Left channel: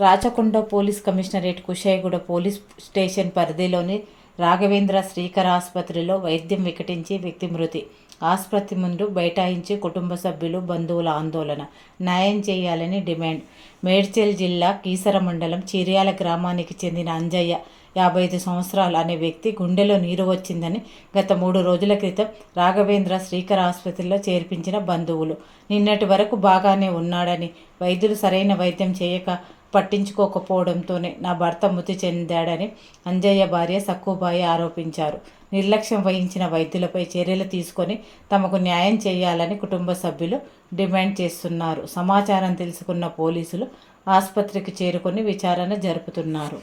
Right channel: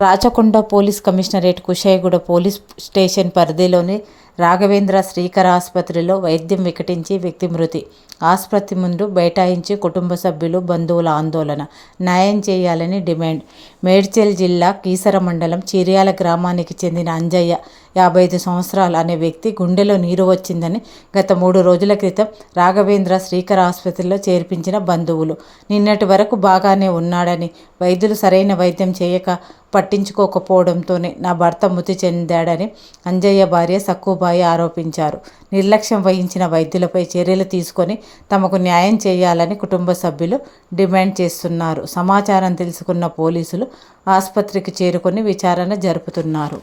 Rachakonda police commissionerate Kushaiguda police station పరిధిలోని రాఘవేంద్ర శ్రీకర్ ఆసుపత్రిలో వైద్యం వికటించి వ్యక్తి మృతి. ఆసుపత్రి ముందు బైఠాయించి కుటుంబ సభ్యులు, బంధువుల ఆందోళన. న్యాయం చేయాలని డిమాండ్. మేడ్చల్ జిల్లా కీసర మండలం చిర్యాల గ్రామానికి చెందిన అంజయ్య 55 సంవత్సరాలు అనే వ్యక్తి గుండెలో నీరు వచ్చిందని గత 3 రోజుల క్రితం రాఘవేంద్ర శ్రీకర్ ఆసుపత్రిలో చేర్పించిన బంధువులు నిన్నటి వరకు బాగానే ఉన్నాడని, వైద్యులు సరైన వైద్యం చేయక పట్టించుకోకపోవడంతోనే నా భర్త మృతి చెందాడని అంజయ్య భార్య సక్కుబాయి ఆరోపించారు. నిర్లక్ష్యం వహించిన వైద్యులపై చర్యలు తీసుకొని తమకు న్యాయం చేయాలని కుటుంబ సభ్యులు డిమాండ్ చేస్తున్నారు. సమాచారం తెలుసుకున్న పోలీసులు ఆసుపత్రికి చేరుకొని విచారణ జరుపుతున్నారు.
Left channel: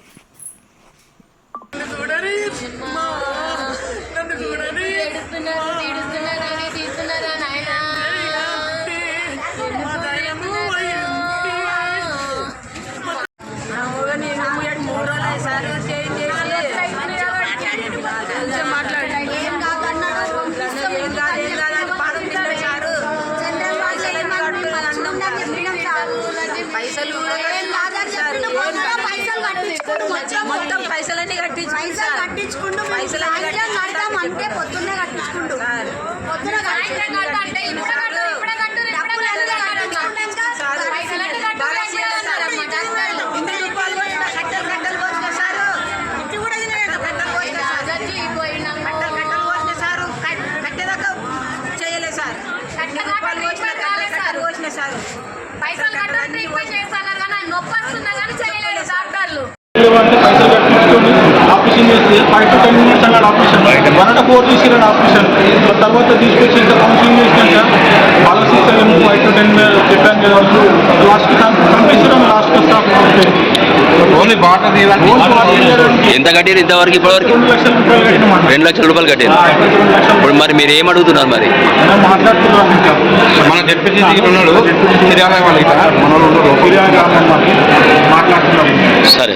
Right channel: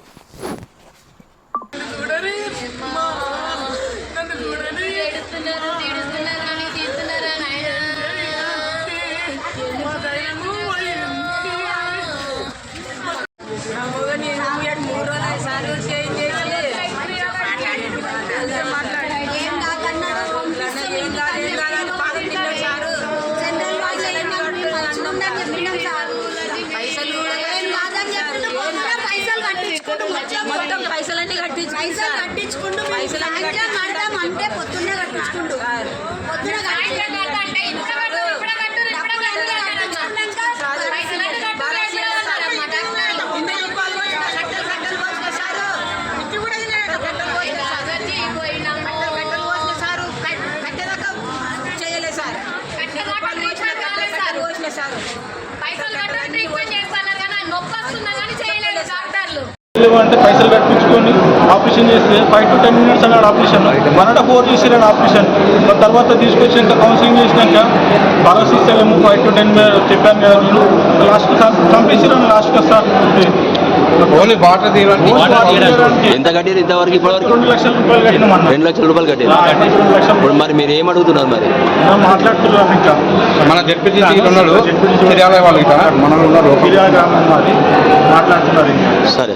మొత్తం పైసలన్నీ కట్టించుకుంటూ అంటే పొద్దున్నే కట్టించుకుంటూ చేయలేదు సార్. అంటే పైసలు కట్టించుకొని ఆపరేషన్ చేస్తే 5 to 10 minutes అన్నాడు ఆపరేషన్. 1.5 hours చేసిరాడు ఆపరేషన్. తర్వాత తీసుకొచ్చి ఇంకా కౌన్సిలింగ్ చేసినాక ఆలోచిస్తాము 5 to 10 చెప్పాను కదా, లాస్ట్కి చంపేసిరాను. లాస్ట్కి స్టాప్ ఓన్లీ వాటర్ ఎంత కట్టారు ఇంతవరకు? ఇప్పటివరకు 2 లక్షల రూపాయలు కట్టినాం. 2 లక్షల రూపాయలు కట్టారు. ఇప్పుడు మరి మీరు ఏం అడుగుతున్నారు? మరి మాట్లాడుతున్నారు ఇంకా మన డిప్యూటీ ఉన్నాడు, చిర్యాల వాళ్ళు మాట్లాడుతున్నారు. సరే.